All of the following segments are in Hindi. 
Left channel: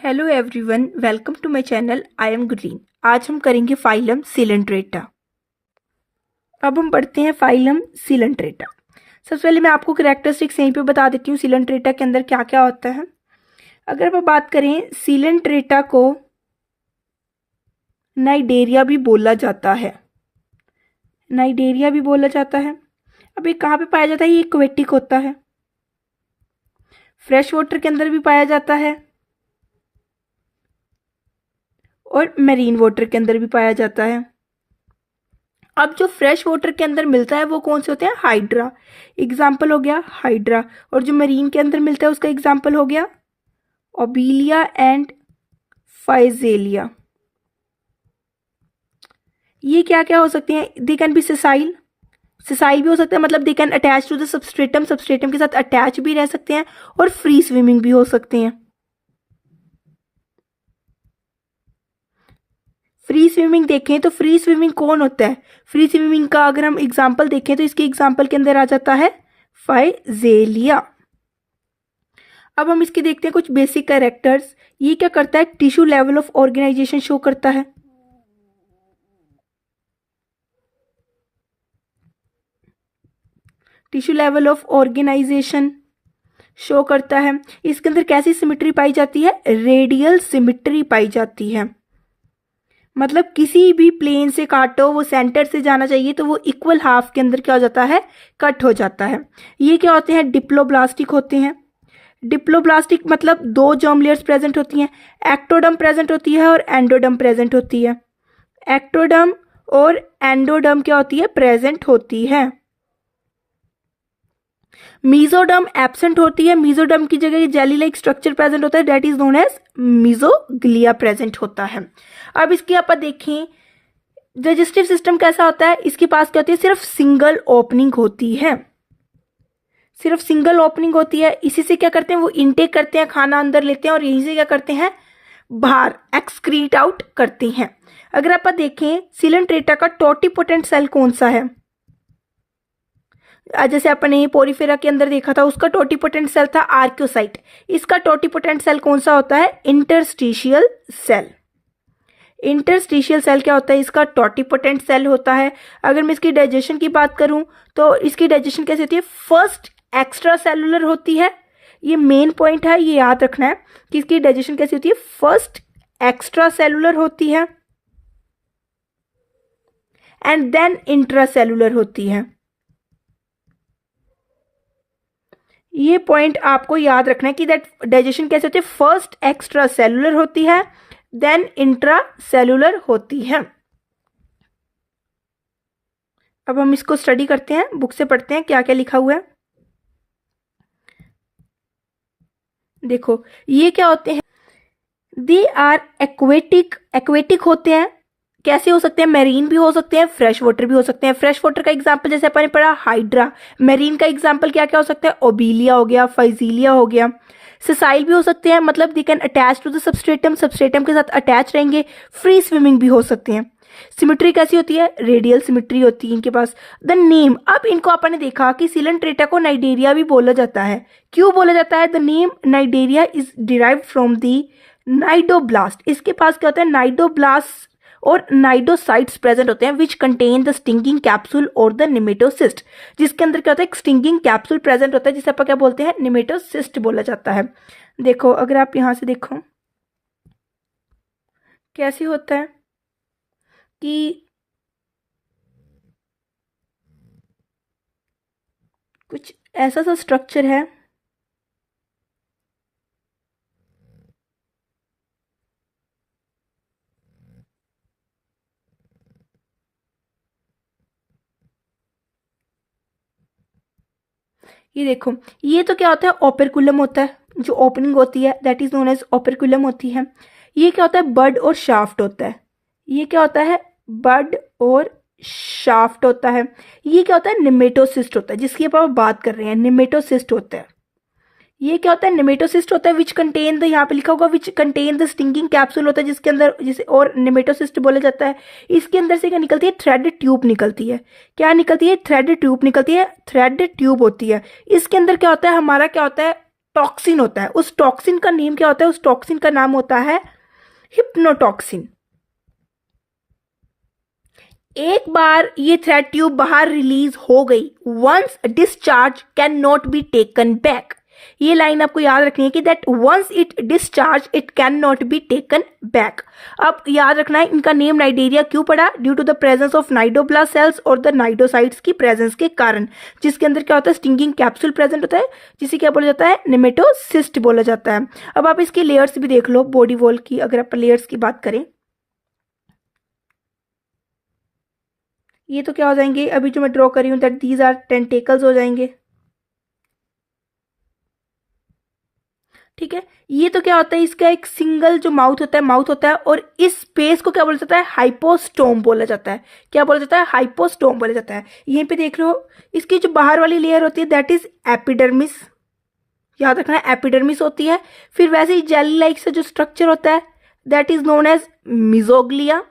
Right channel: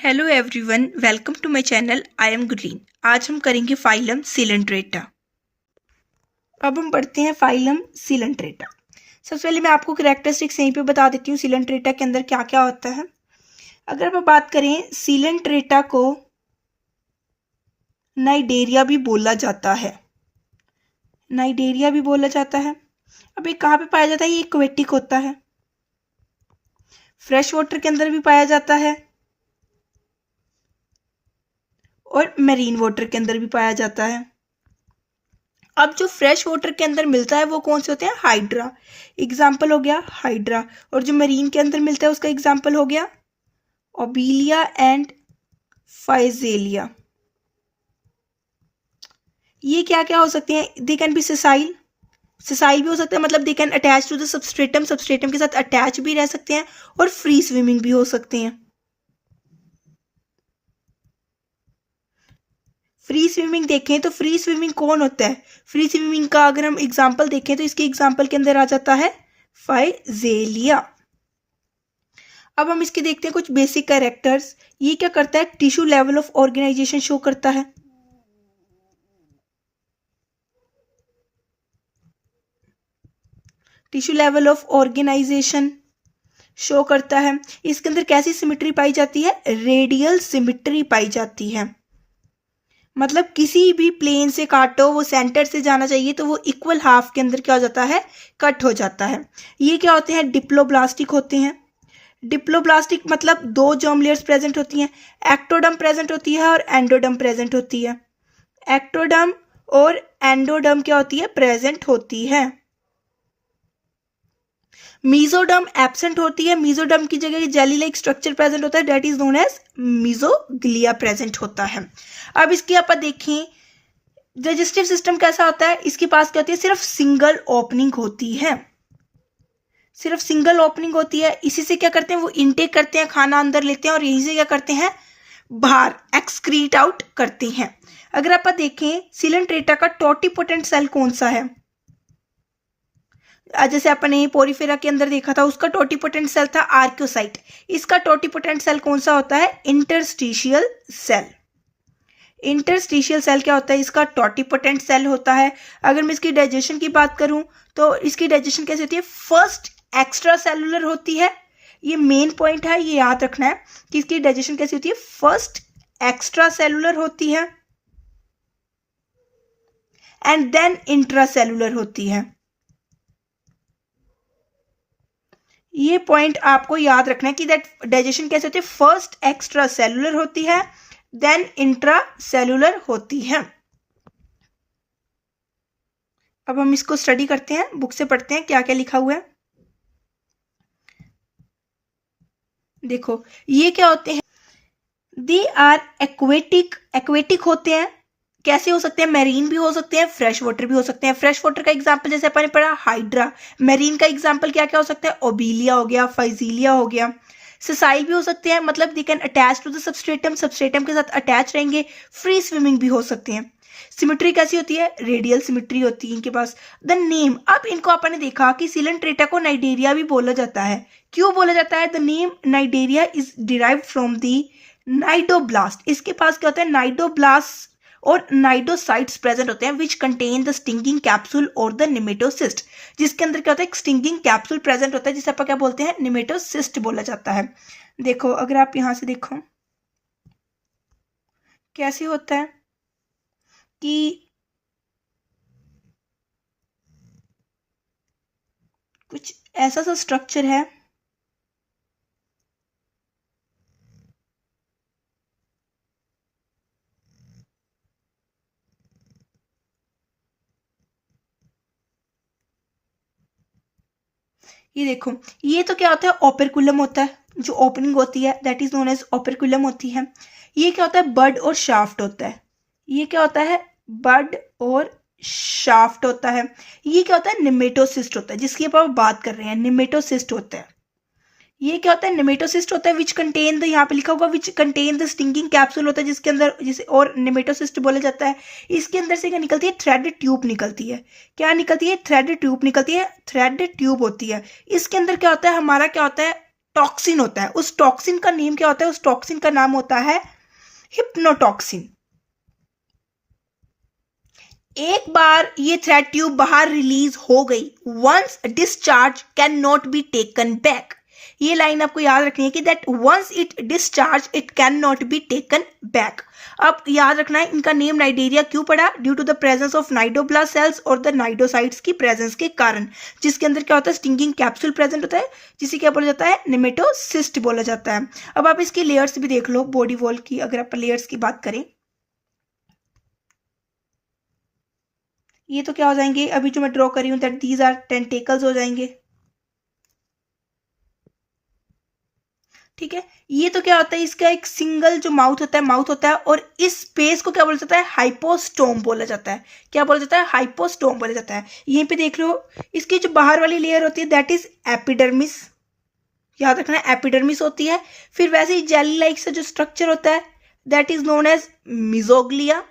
Hello everyone, welcome to my channel. I am Gurleen. आज हम करेंगे फाइलम सिलेंट्रेटा। अब हम पढ़ते हैं फाइलम सिलेंट्रेटा। सबसे पहले मैं आपको कैरेक्टरिस्टिक्स यहीं पे बता देती हूँ सिलेंट्रेटा के अंदर क्या क्या होता है। अगर हम बात करें, सिलेंट्रेटा को नाइडेरिया भी बोला जाता है। नाइडेरिया भी बोला जाता है। अब ये कहाँ पे पाया जाता है? ये एक्वेटिक होता है, फ्रेश वाटर के अंदर भी पाया जाता है और मेरीन वाटर के अंदर भी पाया जाता है। अब जो फ्रेश वाटर के अंदर मिलता है वो कौन से होते हैं? हाइड्रा। एग्जाम्पल हो गया हाइड्रा। और जो मरीन के अंदर मिलता है उसका एग्जाम्पल हो गया ओबीलिया एंड फाइजेलिया। ये क्या क्या हो सकते हैं? They can be sessile. Sessile भी हो सकता है, मतलब they can attach to the substratum, substratum के साथ अटैच भी रह सकते हैं और फ्री स्विमिंग भी हो सकते हैं। फ्री स्विमिंग देखें तो फ्री स्विमिंग कौन होता है? फ्री स्विमिंग का अगर हम एग्जाम्पल देखें तो इसके एग्जाम्पल के अंदर आ जाता है फाइजेलिया। अब हम इसके देखते हैं कुछ बेसिक कैरेक्टर्स। ये क्या करता है? Tissue level of organisation show करता है। Tissue level of organisation show करता है। इसके अंदर कैसी सिमिट्री पाई जाती है? रेडियल सिमिट्री पाई जाती है। मतलब किसी भी प्लेन से काटो, वो सेंटर से जाना चाहिए तो वो इक्वल हाफ के अंदर क्या हो जाता है? कट हो जाता है। ये क्या होते हैं? डिप्लोब्लास्टिक होते हैं। डिप्लोब्लास्टिक मतलब दो जर्म लेयर्स प्रेजेंट होती हैं। एक्टोडर्म प्रेजेंट होती है और एंडोडर्म प्रेजेंट होती है। एक्टोडर्म और एंडोडर्म क्या होती है? प्रेजेंट होती है। मीजोडर्म एब्सेंट होती है। मीजोडर्म की जगह जेली लाइक स्ट्रक्चर प्रेजेंट होता है, that is known as mesoglea present होता है। अब इसके आप देखें डाइजेस्टिव सिस्टम कैसा होता है। इसके पास क्या होती है? सिर्फ सिंगल ओपनिंग होती है। सिर्फ सिंगल ओपनिंग होती है। इसी से क्या करते हैं? वो इनटेक करते हैं, खाना अंदर लेते हैं और यहीं से क्या करते हैं? बाहर एक्सक्रीट आउट करते हैं। अगर आप देखें सिलेंट्रेटा का टोटिपोटेंट सेल कौन सा है? जैसे अपने पोरीफेरा के अंदर देखा था, उसका टोटिपोटेंट सेल था आर्क्योसाइट। इसका टोटिपोटेंट सेल कौन सा होता है? Interstitial cell. इंटरस्टिशियल सेल क्या होता है? इसका टोटिपोटेंट सेल होता है। अगर मैं इसकी डाइजेशन की बात करूं तो इसकी डाइजेशन कैसे होती है? फर्स्ट एक्स्ट्रा सेलुलर होती है। ये मेन पॉइंट है, ये याद रखना है कि इसकी डाइजेशन कैसी होती है? फर्स्ट एक्स्ट्रा सेलुलर होती है एंड देन इंट्रा सेलुलर होती है। ये पॉइंट आपको याद रखना है कि दैट डाइजेशन कैसे होती है? फर्स्ट एक्स्ट्रा सेलुलर होती है, देन इंट्रा सेलुलर होती है। अब हम इसको स्टडी करते हैं, बुक से पढ़ते हैं क्या क्या लिखा हुआ है। देखो ये क्या होते हैं? They are aquatic. एक्वेटिक होते हैं। कैसे हो सकते हैं? मेरीन भी हो सकते हैं, फ्रेश वाटर भी हो सकते हैं। फ्रेश वाटर का एग्जांपल जैसे अपन ने पढ़ा हाइड्रा। मेरीन का एग्जांपल क्या क्या हो सकता है? ओबीलिया हो गया, फाइजीलिया हो गया। सिसाइल भी हो सकते हैं, मतलब they can attach to the substratum, substratum के साथ अटैच रहेंगे। फ्री स्विमिंग भी हो सकते हैं। सिमिट्री कैसी होती है? रेडियल सिमिट्री होती है इनके पास। द नेम, अब इनको अपन ने देखा कि सिलेंट्रेटा को नाइडेरिया भी बोला जाता है। क्यों बोला जाता है? The name Cnidaria is derived from the cnidoblast. इसके पास क्या होता है? नाइडोब्लास्ट और नाइडोसाइट्स प्रेजेंट होते हैं which contain the stinging capsule और द निमेटोसिस्ट। जिसके अंदर क्या होता है? एक स्टिंगिंग कैप्सूल प्रेजेंट होता है जिसे आप क्या बोलते हैं? निमेटोसिस्ट बोला जाता है। देखो अगर आप यहां से देखो कैसे होता है कि कुछ ऐसा सा स्ट्रक्चर है। ये देखो, ये तो क्या होता है? ओपेरकुलम होता है। जो ओपनिंग होती है दैट इज नोन एज ओपेरकुलम होती है। ये क्या होता है? बड और शाफ्ट होता है। ये क्या होता है? बड और शाफ्ट होता है। ये क्या होता है? निमेटोसिस्ट होता है, जिसकी आप बात कर रहे हैं, निमेटोसिस्ट होता है। ये क्या होता है? निमेटोसिस्ट होता है विच कंटेन द, यहाँ पे लिखा होगा which contain the stinging capsule होता है जिसके अंदर, जिसे और निमेटोसिस्ट बोला जाता है। इसके अंदर से क्या निकलती है? थ्रेड ट्यूब निकलती है। क्या निकलती है? थ्रेड ट्यूब निकलती है। थ्रेड ट्यूब होती है। इसके अंदर क्या होता है? हमारा क्या होता है? टॉक्सिन होता है। उस टॉक्सिन का नेम क्या होता है? उस टॉक्सिन का नाम होता है हिप्नोटॉक्सिन। एक बार ये थ्रेड ट्यूब बाहर रिलीज हो गई, once discharge can not be taken back. ये लाइन आपको याद रखनी है कि that once it discharge it can not be taken back. अब याद रखना है इनका नेम नाइडेरिया क्यों पड़ा? Due to the presence of cnidoblast cells और द नाइडोसाइट्स की प्रेजेंस के कारण, जिसके अंदर क्या होता है? स्टिंगिंग कैप्सूल प्रेजेंट होता है, जिसे क्या बोला जाता है? नेमेटोसिस्ट बोला जाता है। अब आप इसकी लेयर्स भी देख लो बॉडी वॉल की, अगर आप लेयर्स की बात करें, ये तो क्या हो जाएंगे, अभी जो मैं ड्रॉ कर रही हूँ दैट दीज आर टेंटेकल्स हो जाएंगे। ठीक है, ये तो क्या होता है? इसका एक सिंगल जो माउथ होता है, माउथ होता है, और इस स्पेस को क्या बोला जाता है? हाइपोस्टोम बोला जाता है। क्या बोला जाता है? हाइपोस्टोम बोला जाता है। यहीं पे देख लो, इसकी जो बाहर वाली लेयर होती है दैट इज एपिडर्मिस, याद रखना है एपिडर्मिस होती है। फिर वैसे ही जेली लाइक से जो स्ट्रक्चर होता है that is known as mesoglea,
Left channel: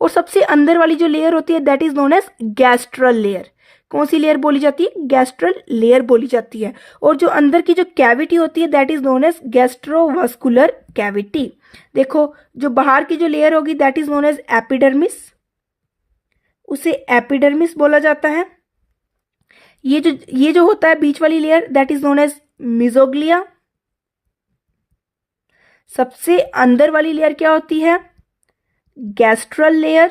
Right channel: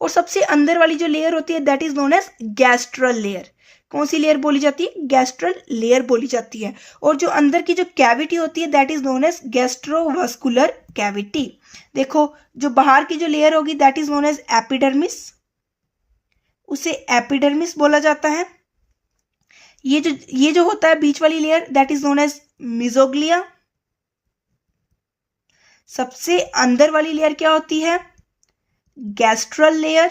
और सबसे अंदर वाली जो लेयर होती है that is known as gastral layer. कौन सी लेयर बोली जाती है? गैस्ट्रल लेयर बोली जाती है। और जो अंदर की जो कैविटी होती है that is known as gastrovascular cavity. देखो, जो बाहर की जो लेयर होगी that is known as epidermis, उसे एपिडर्मिस बोला जाता है। ये जो होता है बीच वाली layer that is known as mesoglea. सबसे अंदर वाली लेयर क्या होती है? Gastral layer.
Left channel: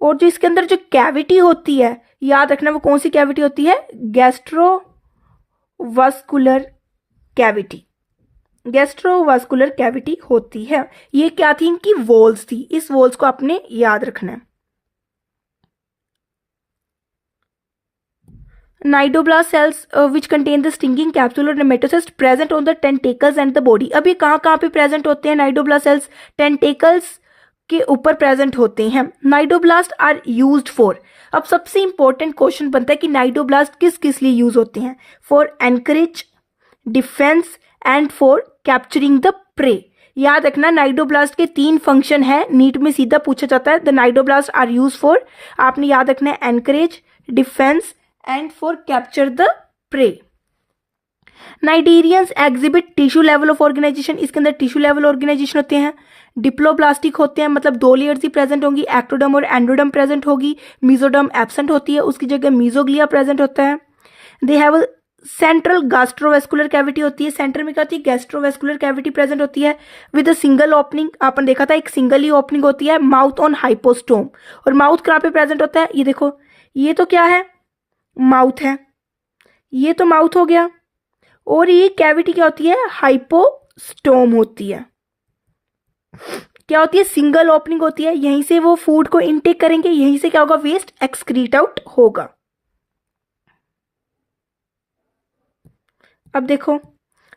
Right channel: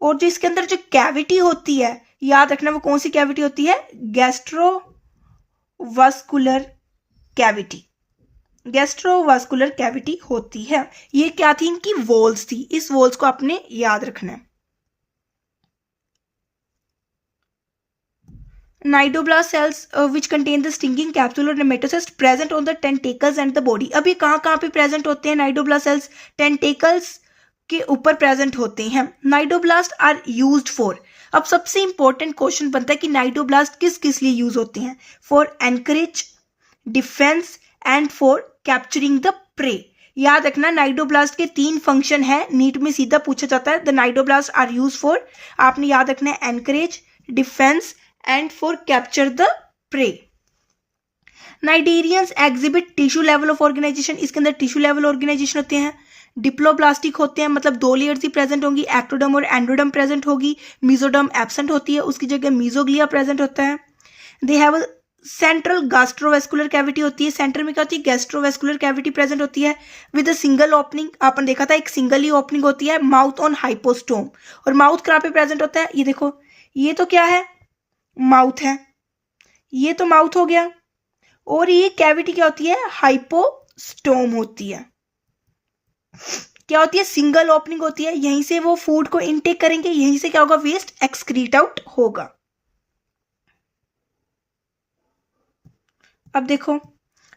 और जो इसके अंदर जो कैविटी होती है, याद रखना वो कौन सी कैविटी होती है? Gastrovascular cavity. गैस्ट्रोवास्कुलर कैविटी होती है। ये क्या थी? इनकी वॉल्स थी। इस वॉल्स को आपने याद रखना है। Cnidoblast cells which contain the stinging capsule or nematocyst present on the tentacles and the body। अभी कहाँ पे प्रेजेंट होते हैं नाइडोब्लास्ट सेल्स? टेंटेकल्स के ऊपर प्रेजेंट होते हैं। नाइडोब्लास्ट आर यूज्ड फॉर, अब सबसे इंपॉर्टेंट क्वेश्चन बनता है कि नाइडोब्लास्ट किस किस लिए यूज होते हैं? For encourage, defence and for capturing the prey. याद रखना नाइडोब्लास्ट के 3 फंक्शन है, नीट में सीधा पूछा जाता है। The cnidoblast are use for, आपने याद रखना है anchorage, defence and for capture the prey. Cnidarians exhibit tissue level of organisation, इसके अंदर टिश्यू लेवल ऑर्गेनाइजेशन होते हैं। डिप्लोब्लास्टिक होते हैं, मतलब 2 लेयर्स ही प्रेजेंट होंगी, एक्टोडर्म और एंडोडर्म प्रेजेंट होगी। मीजोडर्म एब्सेंट होती है, उसकी जगह मीजोग्लिया प्रेजेंट होता है। They have central gastrovascular cavity होती है, सेंटर में क्या होती है? गैस्ट्रोवेस्कुलर कैविटी प्रेजेंट होती है विद अ सिंगल ओपनिंग। आपने देखा था एक सिंगल ही ओपनिंग होती है। माउथ ऑन हाइपोस्टोम, और माउथ कहाँ पे प्रेजेंट होता है? ये देखो, ये तो क्या है? माउथ है, ये तो माउथ हो गया, और ये कैविटी क्या होती है? हाइपोस्टोम होती है। क्या होती है? सिंगल ओपनिंग होती है, यहीं से वो फूड को इनटेक करेंगे, यहीं से क्या होगा? वेस्ट एक्सक्रीट आउट होगा। अब देखो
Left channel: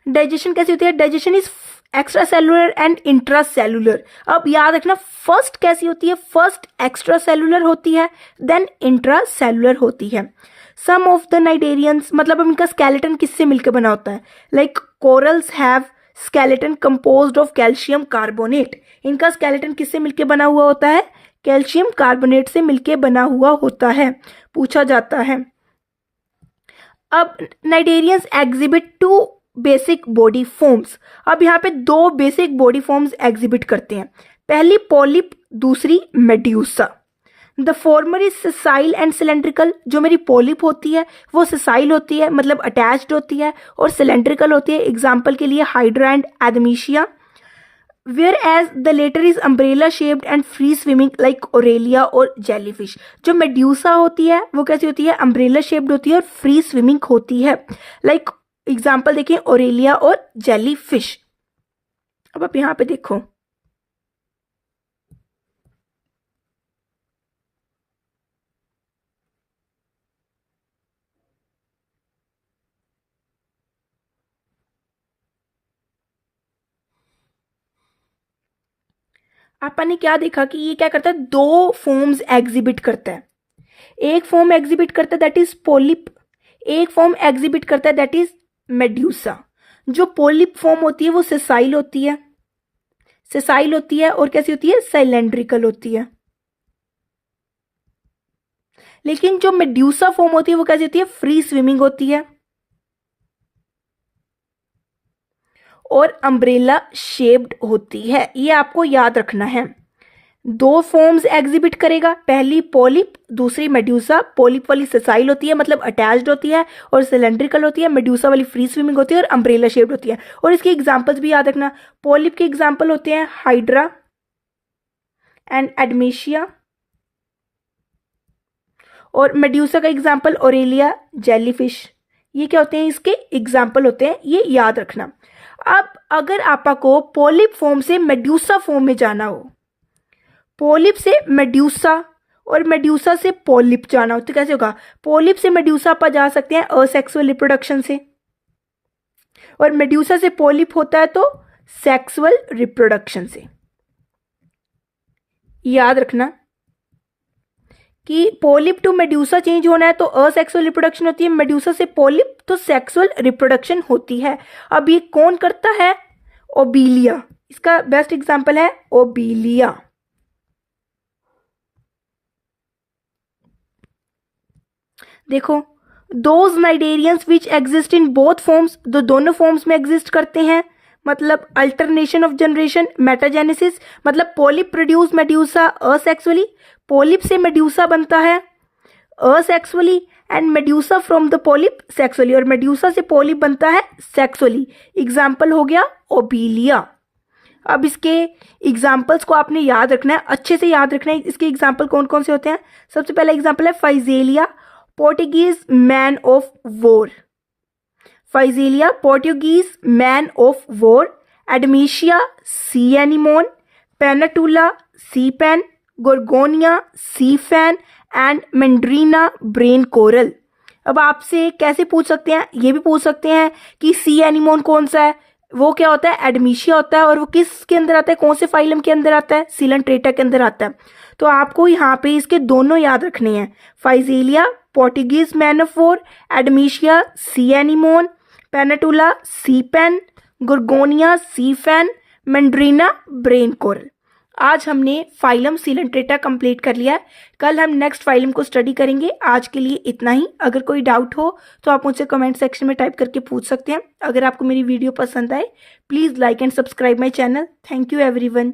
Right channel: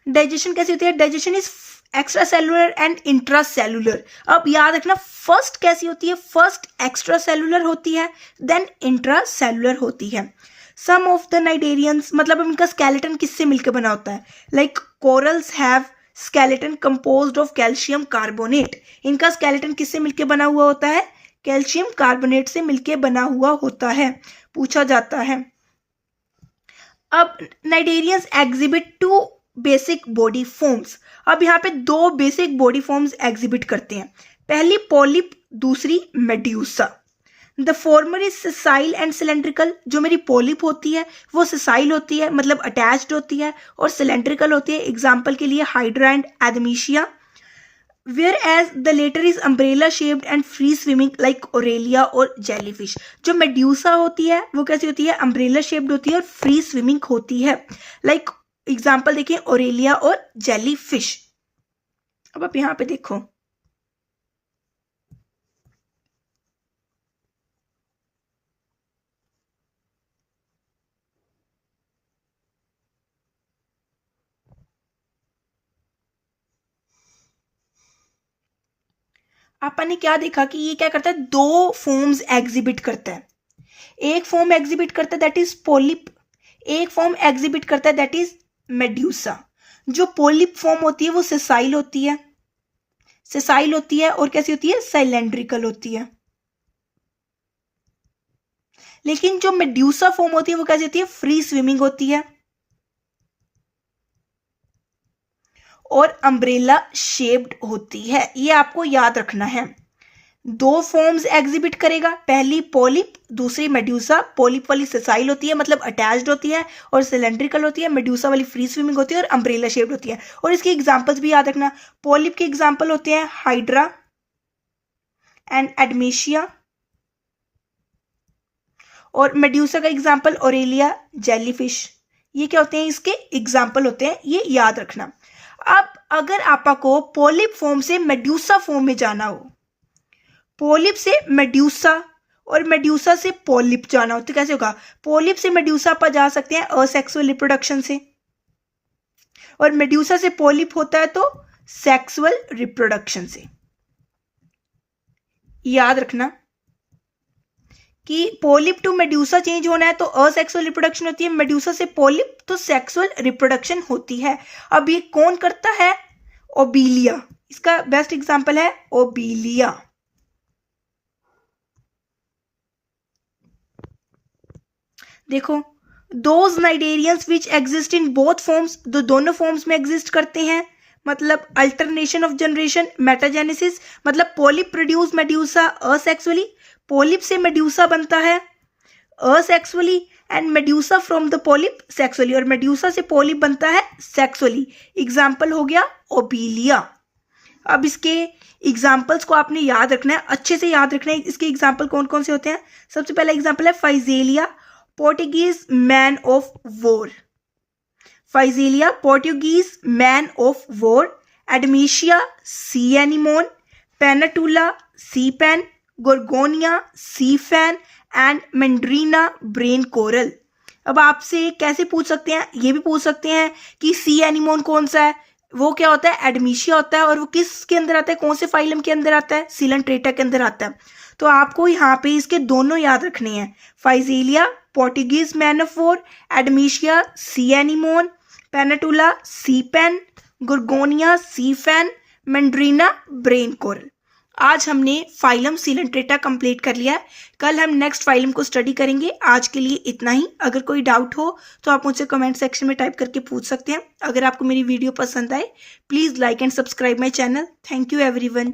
डाइजेशन कैसी होती है? Digestion is extra cellular and intra cellular. अब याद रखना फर्स्ट कैसी होती है? फर्स्ट एक्स्ट्रा सेलुलर होती है, देन इंट्रा सेलुलर होती है। सम ऑफ द नाइडेरियंस, मतलब इनका स्केलेटन किससे मिलकर बना होता है? Like corals have skeleton composed of calcium carbonate. इनका स्केलेटन किससे मिलकर बना हुआ होता है? कैल्शियम कार्बोनेट से मिलकर बना हुआ होता है, पूछा जाता है। अब cnidarians exhibit 2 basic body forms. अब यहाँ पे 2 बेसिक बॉडी फॉर्म्स एग्जिबिट करते हैं। पहली पॉलिप, दूसरी medusa. The former is sessile and cylindrical. जो मेरी पॉलिप होती है वो सेसाइल होती है, मतलब अटैच्ड होती है, और सिलेंड्रिकल होती है। एग्जाम्पल के लिए hydra and Adamsia. Whereas the latter is umbrella shaped and free swimming like Aurelia और जेलीफिश। जो मेड्यूसा होती है वो कैसी होती है? अम्ब्रेला शेप्ड होती है और फ्री स्विमिंग होती है, लाइक एग्जाम्पल देखिए ओरेलिया और जेलीफिश। अब आप यहाँ पे देखो, अपन ने क्या देखा कि ये क्या करता है? 2 फॉर्म्स एग्जिबिट करता है। एक फॉर्म एग्जिबिट करता है दैट इज पोलिप, एक फॉर्म एग्जिबिट करता है दैट इज मेड्यूसा। जो पोलिप फॉर्म होती है वो सेसाइल होती है, सेसाइल होती है, और कैसी होती है? सिलेंड्रिकल होती है। लेकिन जो मेड्यूसा फॉर्म होती है वो कैसी होती है? फ्री स्विमिंग होती है। और अम्ब्रेला शेप्ड होती है। ये आपको याद रखना है। दो फॉर्म्स एग्जिबिट करेगा, पहली पॉलिप, दूसरी मेड्यूसा। पॉलिप वाली सेसाइल होती है, मतलब अटैच्ड होती है और सिलेंड्रिकल होती है। मेड्यूसा वाली फ्री स्विमिंग होती है और अम्ब्रेला शेप्ड होती है। और इसके एग्जांपल्स भी याद रखना। पॉलिप के एग्जांपल होते हैं हाइड्रा एंड एडमेशिया, और मेड्यूसा का एग्जांपल ओरेलिया जेलीफिश। ये क्या होते हैं, इसके एग्जांपल होते हैं, ये याद रखना। अब अगर आपको पॉलिप फॉर्म से मेड्यूसा फॉर्म में जाना हो, पॉलिप से मेड्यूसा और मेड्यूसा से पॉलिप जाना हो, तो कैसे होगा? पॉलिप से मेड्यूसा आप जा सकते हैं असेक्सुअल रिप्रोडक्शन से, और मेड्यूसा से पॉलिप होता है तो सेक्सुअल रिप्रोडक्शन से। याद रखना कि पॉलिप टू मेड्यूसा चेंज होना है तो असेक्सुअल रिप्रोडक्शन होती है, मेड्यूसा से पॉलिप तो सेक्सुअल रिप्रोडक्शन होती है। अब ये कौन करता है? ओबीलिया। इसका बेस्ट एग्जांपल है ओबीलिया। देखो, those cnidarians which exist in both forms, दोनों फॉर्म्स में एग्जिस्ट करते हैं, मतलब अल्टरनेशन ऑफ जनरेशन, मेटाजेनेसिस, मतलब polyp produce medusa asexually, polyp से मेड्यूसा बनता है asexually, and medusa from the polyp sexually, और मेड्यूसा से पॉलिप बनता है सेक्सुअली। एग्जाम्पल हो गया ओबीलिया। अब इसके एग्जाम्पल्स को आपने याद रखना है, अच्छे से याद रखना है। इसके एग्जाम्पल कौन कौन से होते हैं? सबसे पहला एग्जाम्पल है Physalia, Portuguese man of war. Physalia, Portuguese man of war. Adamsia, sea anemone. Pennatula, sea pen. Gorgonia, sea fan. And Meandrina, brain coral. अब आपसे कैसे पूछ सकते हैं? ये भी पूछ सकते हैं कि सी एनिमोन कौन सा है, वो क्या होता है? एडमीशिया होता है, और वो किसके अंदर आता है, कौन से फाइलम के अंदर आता है? सिलेंट्रेटा के अंदर आता है। तो आपको यहाँ पे इसके दोनों याद रखने हैं, Physalia Portuguese man of war, Adamsia sea anemone, Pennatula sea pen, Gorgonia sea fan, Meandrina brain coral. आज हमने फाइलम सिलेंट्रेटा कंप्लीट कर लिया है। कल हम नेक्स्ट फाइलम को स्टडी करेंगे। आज के लिए इतना ही। अगर कोई डाउट हो तो आप मुझसे कमेंट सेक्शन में टाइप करके पूछ सकते हैं। अगर आपको मेरी वीडियो पसंद आए, please like and subscribe my channel. Thank you everyone.